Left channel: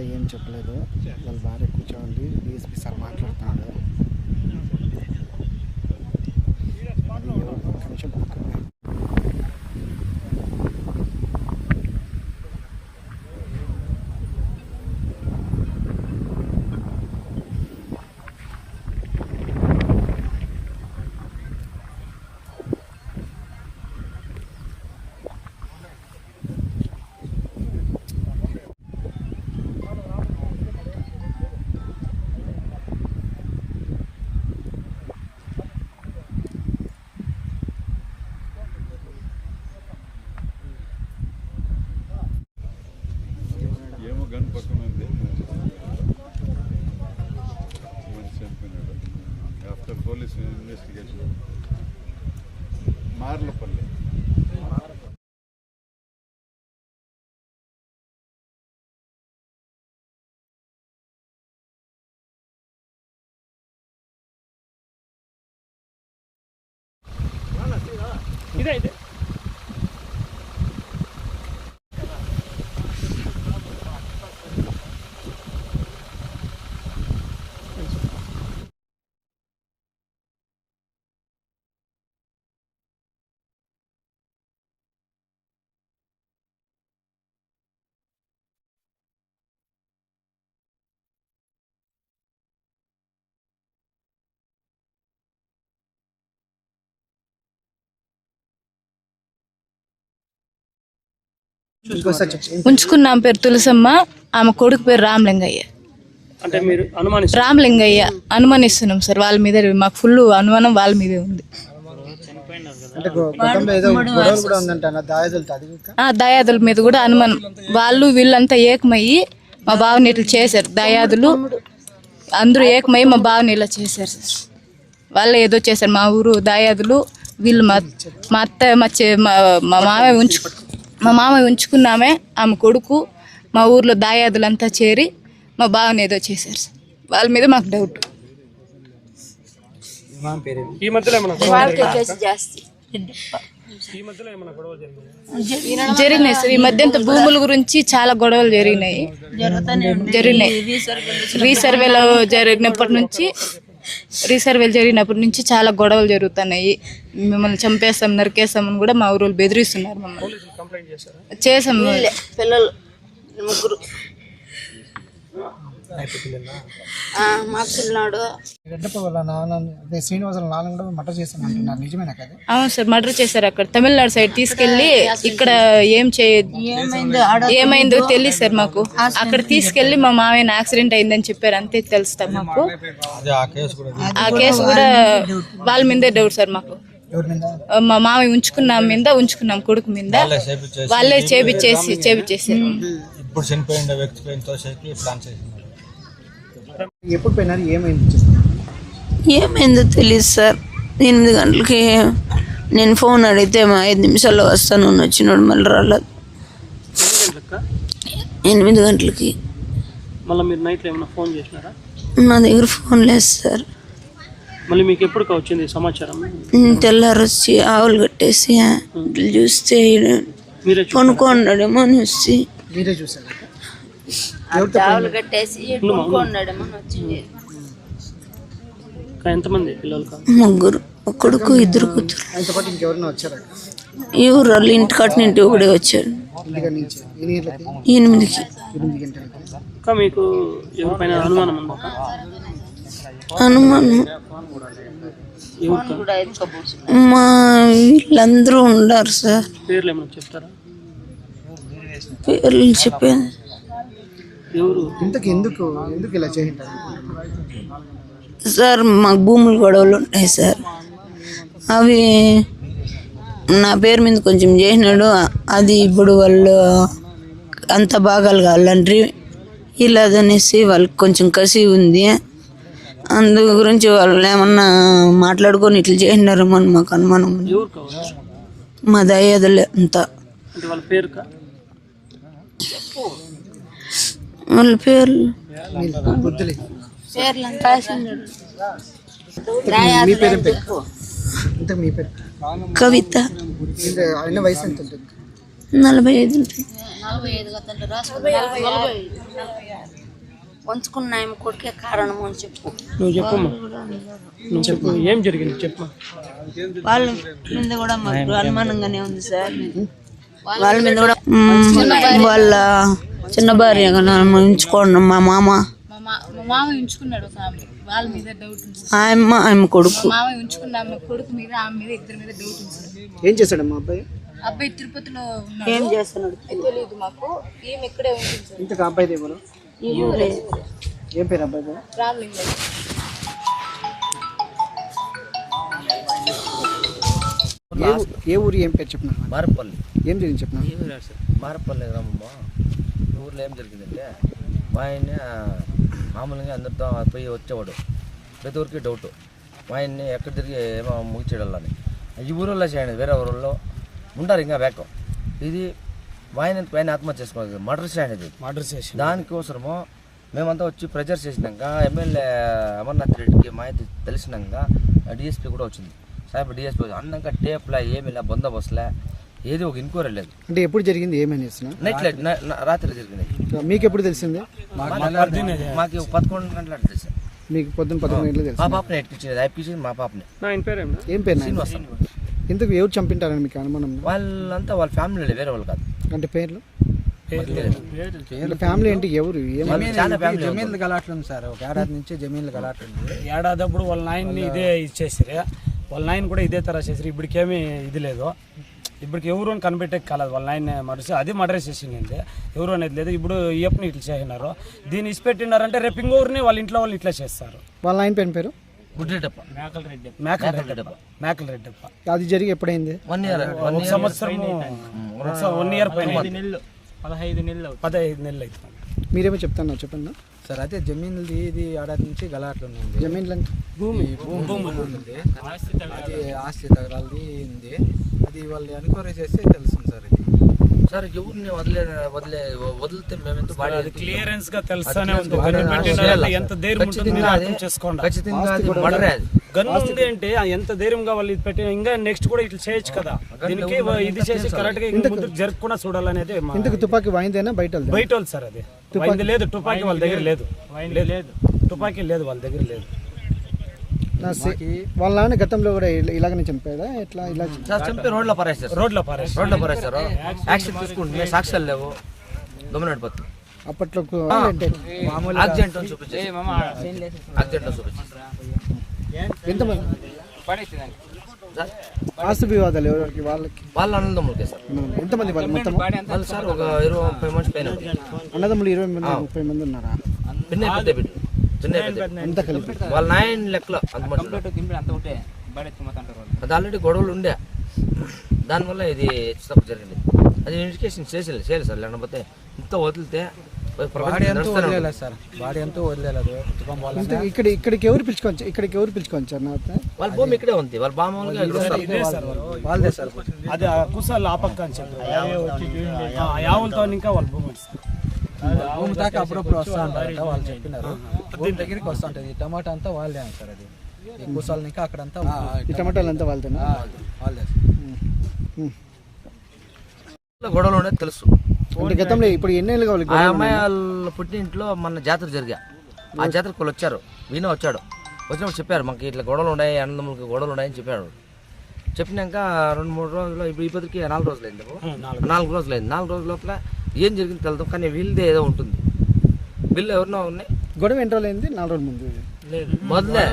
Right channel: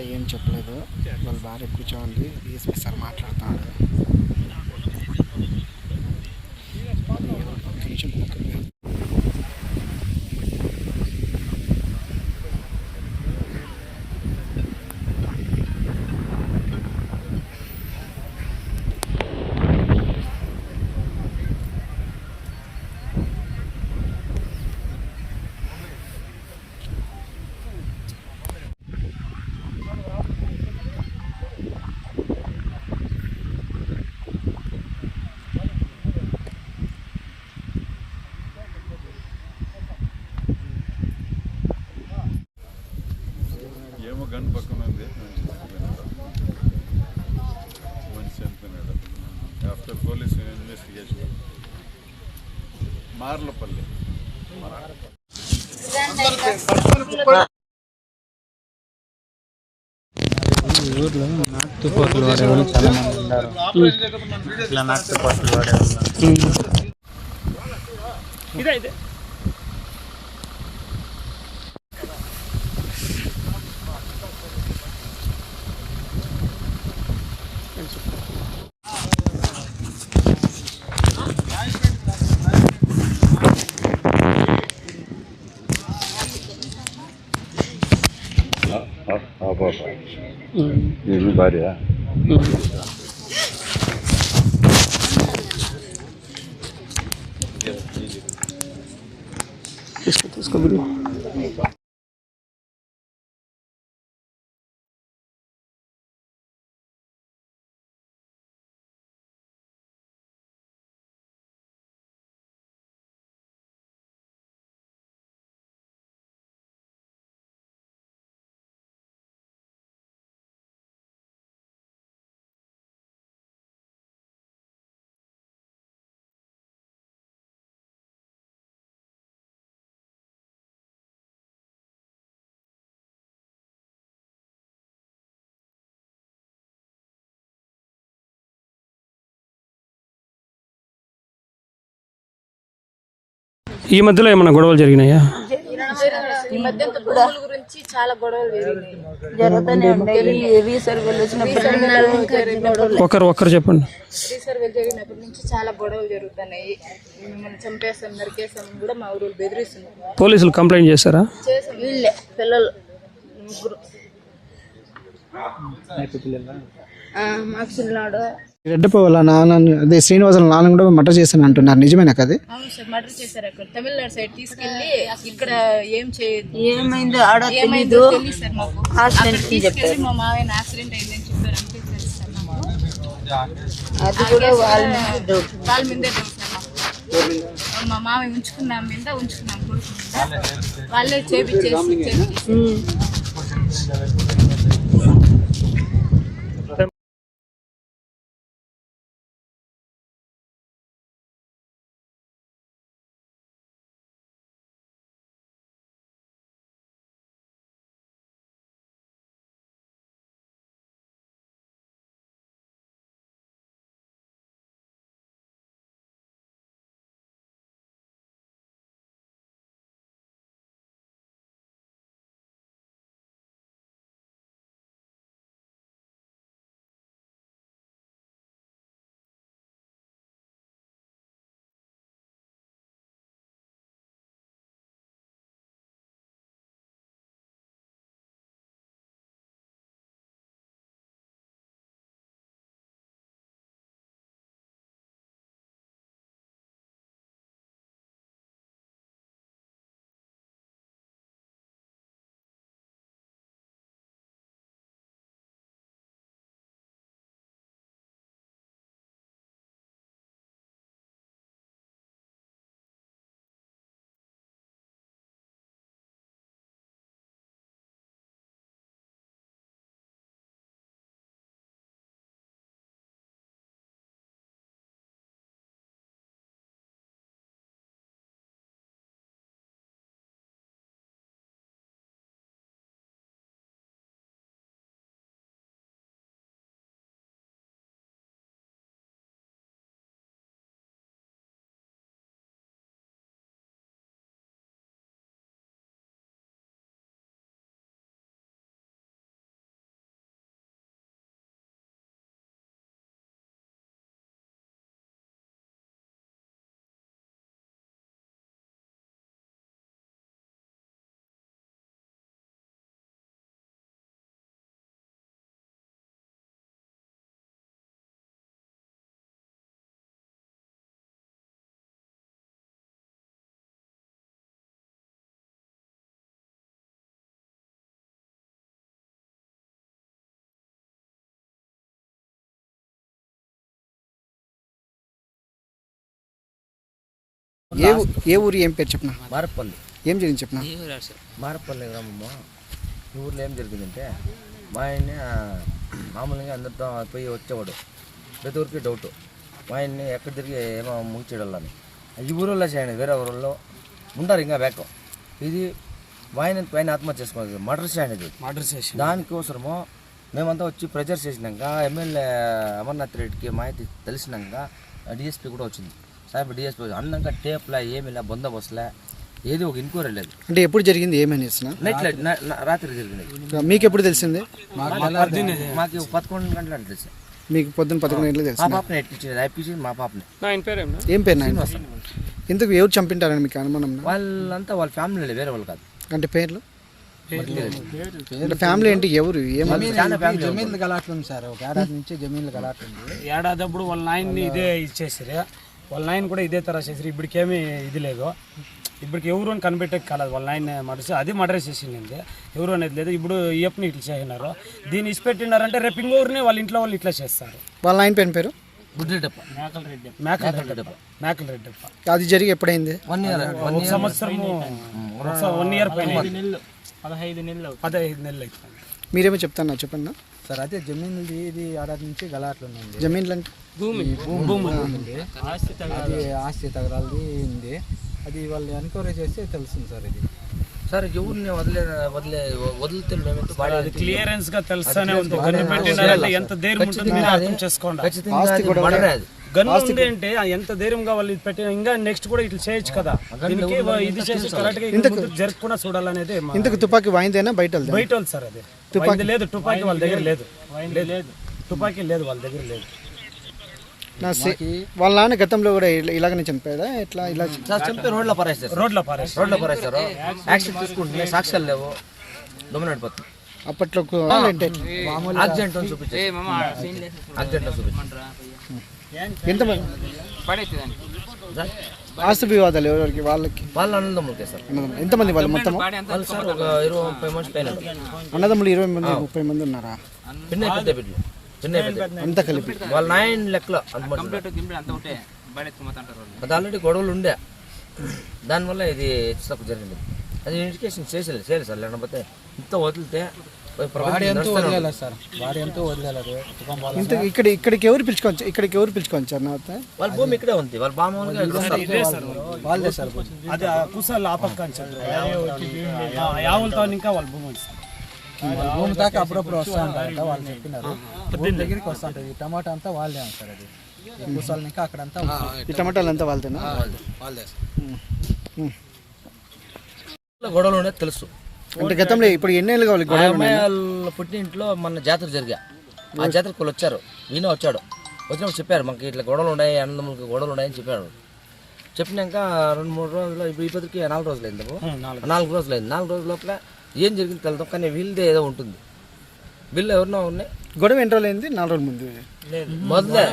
ఇంకా ఏం చెప్పలేదు. వాళ్ళ భార్య కూర్చోండి, డిఎస్పీ సార్ మాట్లాడుతున్నాడు. అది ఎవరు ఒక నిమిషం పక్కన గంట పక్కన ఉంది మంచి చనిపోయినాడు. ఆఫ్టర్ పోలీస్ ఇన్వెస్టిగేషన్ మార్లపల్లి ఊర్లో నాటుకోట్లు వాడేవాళ్ళు చాలా మంది ఉన్నారు. ఇట్లా నాటుకోట్లు వాడేవాళ్ళు భార్య ఉంచుకున్నాం పేరు తులసమ్మ, ఆమె కొడుకు పేరు రామలింగయ్య. అంటే మీరు రామలింగయ్య అనుమానిస్తున్నాం సార్. వాళ్ళ మీద మాకు ఫుల్ అనుమానం వాళ్ళ మీదే ఉంది. దయాదుల మీద కూడా అనుమానం. వాళ్ళు వీళ్ళంతా ఏకమయ్యి మా బావని ఇట్లా చేశారు. దయాదులు అందరూ ఏకమయ్యి మా బావని ఇలా చేశారు సార్. వాళ్ళే ఏదో చేశారు. మా ఊరు దయాదులు వీళ్ళు మా అత్త మా మామయ్య ఉంచుకున్నామే, ఆమె కొడుకు మా ఊర్లో దాయాదులంతా చేరి మా బావని ఏదో చేశారు సార్. వాళ్ళ మీద మాకు డౌట్. ఈ మధ్యలో ఏమైనా గొడవలు జరిగినాయా? జరిగినాయి సార్. ఈ మధ్య భూముల గురించి చాలా గొడవలు జరిగినాయి. రీసర్వేలో జరిగినప్పటి నుంచి చెప్పండి. రీసర్వేలు జరిగినప్పటి నుంచి చాలా గొడవలు జరుగుతున్నాయి. మిమ్మల్ని చంపేస్తాం, నరికేస్తామని కూడా మా ఊరు బెదిరిస్తున్నారు. పోలీసులు కంప్లైంట్ చేశారా? చేసాం. పిల్లలు ముగ్గురు రెడ్డప్ప వాళ్ళ నాన్న అదే శ్రీనివాసుల నాన్న కూడా మర్డర్ చేశాను అంటున్నారు, నిజమేనా కదా? అవును సార్, మర్డర్ చేశారు. అక్కడ తమిళనాడు సైడ్ తీసుకెళ్లి ఇక్కడ ఏమైందో తెలియదు సార్ మాకు. అక్కడ తీసుకెళ్లి మా మామయ్య యాక్సిడెంట్ అయిందని చెప్పారు, అంతే తెలుస్తారు మాకు. ఆ కేసు కూడా వాళ్ళ మీదే డౌట్ సార్ మాకు. మా మామయ్య ఉంచుకున్నాం కొడుకు మీద, వాళ్ళే చేపించేసి ఎప్పుడు పోయినారు, ఏమైంది? ఏమైందో తెలియదు సార్. 8 గంటలకి నేను ఫోన్ అడిగితే 5 నిమిషాల్లో వస్తాను వచ్చినాడు, మళ్ళీ రాలేదు. 8 గంటలకి. మళ్ళీ మీరు నైట్లో ఏమైనా ఫోన్ చేసినారా? నా దగ్గర ఫోన్ లేదు సార్. మళ్ళీ మీకు ఎప్పుడు వచ్చింది సమాచారం? తెల్లారు వచ్చి ఆవులు కట్టేసి చూస్తే కొనుక్కున్నాడేమో అని వచ్చి మీరే చూసారు? ఆవులు కట్టేసి కొనుక్కున్నాడేమో అని వచ్చింది. ఎంతమంది పిల్లలు? 3, ఒక కొడుకు 2 కూతురు. ఇంకెవరైనా వచ్చారా? ఈ ఊరు వాళ్ళు ఇంటి కట్టినింటి ఒకడే వచ్చాడు. 8 ఇంకా మీకు ఎవరిపైన అనుమానం ఉందా? అనుమానం మా వీళ్ళందరూ ఉన్నారు సార్. పేర్లు ఏమైనా చెప్తారా? పేర్లు చెప్పాను. ఎందుకు ఇలా చేయంటారు సార్? మాకు భూములు గొడవలు ఉంటాయి సార్. అవి నా పేరు మీద కొంచెం చేసినాడు, అది ఇప్పుడు వాళ్ళు అంత భాగాలు కావాలంటే ఇలాదనేసి వాళ్ళకి కొంచెం కసి ఉంది. అందు గురించి వాళ్ళు ఏమన్నా మాట్లాడుకొని ఇట్లా చేసినారేమో అని మాకు అనుమానం. మా దయ్యాదులే అంతా. వాళ్ళ పేర్లు కవిత. వయసు ఎంత ఉంటుంది? 45 ఉంటుంది. వంచుకున్నాయి కొడుకే కారణం అని చెప్పు. నువ్వు చెప్పమ్మా, నువ్వు చెప్పు ఏం జరిగింది చెప్పు. వాళ్ళ మీద కూడా మాకు అనుమానంగానే ఉంది సార్. వాళ్ళ మీద కూడా వాళ్ళ చిన్న భార్య ఉంచుకోండి. మా మామ ఉంచుకున్నాడు ఒక ఆమె, వాళ్ళ మీద డౌట్ ఉంది. ఆమె కొడుకు మామ ఉంచుకున్న ఆమె కొడుకు మీద, ఆమె మీద, ఇద్దరి మీద డౌట్ ఉంది. ఏం చేశాడమ్మా అబ్బాయి? అబ్బాయి తిరుపతిలో ఏం చేస్తున్నాడు తెలియదు మాకు. ఈమె ఇక్కడే ఉంటుంది. ఇంతకు అబ్బాయి ఎవరు? ఏం పేరు అబ్బాయి పేరు? రామలింగం. ఏ ఊరు ఏం పేరు చెప్పిన? మారపల్లి. ఏం జరిగింది చెప్పిన? మారపల్లి గ్రామము. ఈ ఊర్లో ఏం జరిగిందంటే మా ఆయన్ని మామూలుగా అందరితో పోయి వచ్చేవాడు. ప్రతి ఊరికి డౌట్ మా ఆయన్ని ఎక్కడ తిరిగి ఏమో ముగిచేయాలని. ఈ ఊరిలో చేయండి, వేరే ఊరిలో ఉంటారు ఇంకా బ్యాక్. ఇది మా ఆయన ఆత్మహత్య చేసుకోవాలి, మర్డర్ చేయండి. దానికోసము మేమంతా వచ్చి ప్రెజర్ చేసినాక ఎమ్మెల్యే అమర్నాథ్ రెడ్డికి మాహితి తెలిసినాక డిఎస్పీ కూడా వచ్చింది. సార్ డిఎస్పీ అన్నాక టేప్లా ఏమిలా బందోబస్తులా ఏది ఒక ఎంక్వైరీ లేదు. అంటే ఎప్పుడు జరిగింది? ఏమని నైట్ రాత్రి జరిగింది. మీకు ఎప్పుడు తెలిసింది? మాకు 11 గంటల తెలుసు. మీకు పొద్దున్న 11 గంటలకు తెలుసు. మా పాపని ఎట్టించింది మా పాపని. ఏం పేరు నాయన? ఇంతకు ఎవరు చంపింటారని మీకు అనుమానం? వాళ్ళంతా వాళ్ళ ఫ్యామిలీ, వేరే వాళ్ళు కాదు. అంటే పేర్లు అంటే ఫ్యామిలీ ఏంటి? ఎవరు? జమీన్లు గలాట్లుంది సార్. ఒక ఏడాది నుంచి జమీన్లు గలాట్లుంది. ఏడాది అప్పుడు వాళ్ళ నాయన్ని ఇదే ఇచ్చేసారు. వాళ్ళ నాయన కూడా ఇదే తర చేసారు. ఇప్పటికేమీ ఇది లేదు. ఇప్పటికి ఎవరు అని కనిపెట్టే కాలేదు. వాళ్ళ నాయన మర్డర్, అది మర్డర్ చేసింది. ఎవరు అనేది లేదు. ఇప్పుడు ఈయప్పని ఇట్లా చేసినారు. దీన్ని ఇచ్చిపెట్టినారంటే రేపు ఇంకొకరిని వాళ్ళ ఇంట్లో వాళ్ళు ఇట్లా చేస్తారు. వాళ్ళ నాయన పేరు పేరు గుడ్రెడ్డప్ప. మేకల రెడ్డప్ప. అది జరిగి ఎప్పుడైంది? 1 year. ఒక సంవత్సరము 1 year పైన 15 నెలలు అవుతుంది. మీరేమో చెప్తాను చెప్పండి సార్. అయితే జమీన్లది ఇది ఏడాది నుంచి గలాట్లు ఉంది. జమీన్లు అంటే భూమి ఉంది. అది ఆస్తి తగరాలది ఉంది. అది వాళ్ళు ఎంక్వైరీ చేస్తే తెలుస్తుంది సార్. ఇది సార్ ఎవరిని వదిలితే మేమెంత బాగా క్లియరెన్స్ గా తెలుస్తానే ఉంది. ఎంత ధైర్యం అంటే ఎంత ధైర్యంగా వాళ్ళు పెట్టిన ఇంకా నెక్స్ట్ కూడా ఇట్లా చేయొచ్చు కదా. దీనికి ఇది చేసి కరెక్ట్ గా జరగకుండా చూడాలనేది. ఇంతకు తుపాకీ వాయిందేనా బయట వాళ్ళు సార్? అది తుపాకీ లేదు. తుపాకీ వాళ్ళ దగ్గర లేదు. తుపాకీ లేదు వాళ్ళ దగ్గర లేదు. వాళ్ళ నాన్న గతంలో కూడా ఇలాగనే చంపాడా? ఎట్లా ఇలా చంపి రోడ్లో పారేస్తారు. యాక్షన్ తీసుకుంటే సాక్ష్యాలు లేవు, దొమ్మన పడిపోతుంది. అప్పట్లో యాక్సిడెంట్ అని చూపించారు. ఎంతమంది ఆస్తి వివాదాలు ఎవరికి? వాళ్ళ అన్నదమ్ములకే సార్. ఎంతమంది వాళ్ళు మొత్తం? వాళ్ళు సార్ ఒక 20-30 మంది పైన. అన్నదమ్ములు 20 మంది 30 మంది ఉన్నారా? అంతా కలిపి వాళ్ళ 9 లెక్కలో అంత. అది ఆల్రెడీ గొడవలు ఉండే, దానివల్ల ఇది హెచ్చు జరిగింది. అది ఇన్వెస్టిగేషన్ చేయాలి సార్. లేకపోతే ఇంత వదిలితే ఇక్కడికి ఎవరు పిలుచుకోవచ్చు అన్న? వాళ్ళ భూమి ఇక్కడే ఉంది. వాళ్ళ బామ్మగా వాళ్ళదే సార్. అది కుసాలు ఆ పక్క అని చెప్పారు. ఇంకా వాళ్ళ భూమి భూమి దాకా అప్పుడప్పుడు వస్తూ ఉంటారంట. వాళ్ళు చెప్పినారు భూమి దగ్గరికి వస్తూ ఉంటుంది. టమాటా అంతా వాళ్ళే అంటారు. అది కుసాలు ఇంకా అక్కడంతా ఈ టమాటాలు అంతా వాళ్ళదేనా? వాళ్ళదే. గొడవలు ఉండేది తెలుసు. అంటే గతంలో ఇప్పుడు ఎన్నేళ్ళు కావాలి? అమ్మాయి వాళ్ళ పుట్టింట్లో మన జాతర జరిగా, ఆ జాతరకు వాళ్ళు వచ్చారు. ఈయన వచ్చినప్పుడు చెప్పారు మాకు ఇట్లా గొడవలు ఉన్నాయి, అన్నదమ్ములకి గొడవలు ఉన్నాయని చెప్పాడు. చెప్పినాక 2-3 రోజులు, ఇప్పుడు ఇప్పటికి 4 రోజులు అయింది. 4 రోజులు అయింది. 4 రోజుల లోపల ఏం జరిగింది తెలుద్దాం. కానీ వీళ్ళదే ఏదో ఉంటుంది. వీళ్ళు ఎవరినో ఉన్నాయి. గొడవ ఎన్ని రోజులు అయింది? 4 రోజుల ముందు మొదలే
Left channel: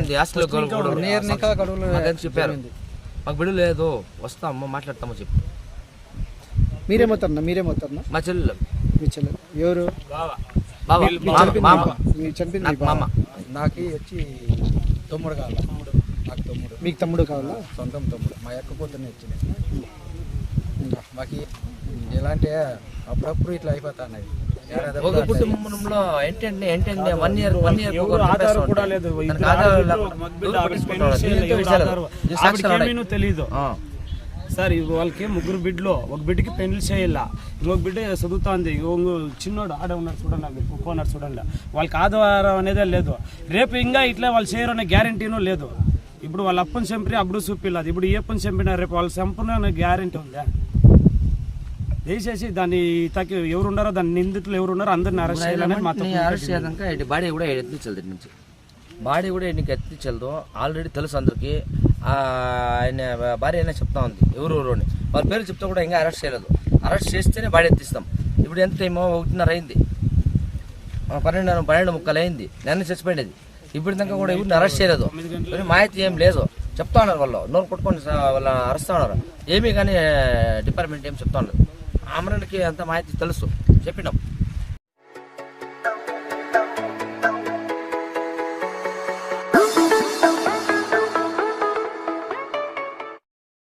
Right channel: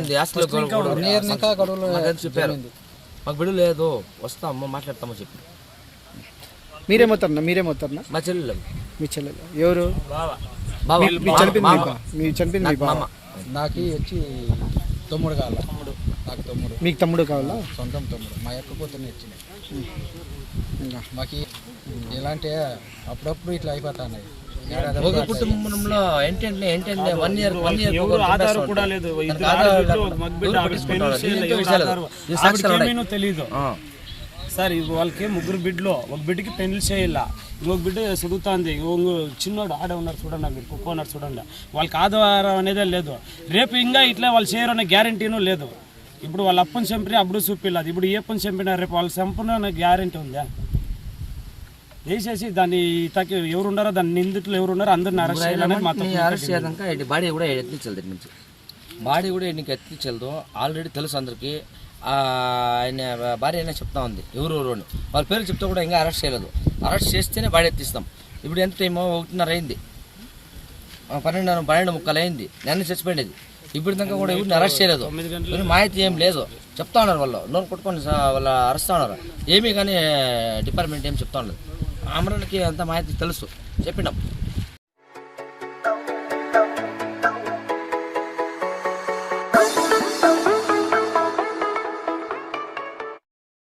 ఉంది. అసలు చెప్పారు మాకు బిడ్డ లేదు, వస్తాము మాట్లాడతామో చెప్పి. మీరేమవుతారన్నా? మా చెల్లెలు. మీ చెల్లెలు ఎవరు? చనిపోయింది మామ. నాకు వచ్చి తమ్ముడు కావాలా. నాకు తమ్ముడు. మీకు తమ్ముడు కావాలా? సొంతం తమ్ముడు. మా యొక్క కూతుర్ని ఇచ్చింది. మాకు ఎలాంటి అప్పుడప్పుడు ఇట్లా అయిపోతాయి. ఒక కుటుంబంలో ఏంటంటే 1 year తెలీదు సార్. వాళ్ళకి 3 బిడ్డలు. ఒక బిడ్డకి పెళ్లి చేయాల, ఇంకొక బిడ్డ చదువుతుంది, చిన్నోడు ఆడ ఉన్నారు చూడండి, ఒప్పుకున్నారు చూడండి. వాళ్ళకి ఆధారం అనేదే లేదు. రేపు ఇంకా ఇట్లా వాళ్ళు చేయరు అనే గ్యారంటీనూ లేదు. ఇప్పుడు వాళ్ళ అప్పని చంపి అప్పుడు చూపిలేదు. ఇప్పుడు ఏ పని చంపినా రేపు వాళ్ళు చంపిన గ్యారంటీ ఉందా? వేసేసి దాన్ని ఇతకి ఎవరు ఉన్నారో దాన్ని నిందితులు ఎవరు ఉన్నారో అందరిని అరెస్ట్ చేయాలనేది మా తప్పు. అరెస్ట్ చేయడానికి బాడీ కూడా ఎత్తించాలి దీని నుంచి. బాడీ కూడా నీకు ఎత్తించలేదు. ఆల్రెడీ తెలుసు అందరికీ. ఆయన భార్య అయినా చెప్తా ఉంది ఎవరు అని. వాళ్ళ పేరు చెప్తే కూడా ఇంకా అరెస్ట్ చేయలేదు. అరెస్ట్ చేస్తేనే బాడీ ఎత్తిస్తాం. ఇప్పుడు ఎంత టైమో 1:30 అయింది, 12:30 అయింది. నన్ను చచ్చిపోయింది. ఇప్పుడు దాకా కూడా ఎవరిని అరెస్ట్ చేయలేదు. మాహితి ఏం లేదు. చెప్తా ఉన్నారు వాళ్ళు నోరు కొట్టుకొని వాళ్ళు అరెస్ట్ ఉన్నారు. ఏమీ కానీ డిపార్ట్మెంట్ ఏం చెప్తా ఉన్నారు. అమరన్కి అంత మాహితి తెలుసు, చెప్పినాం.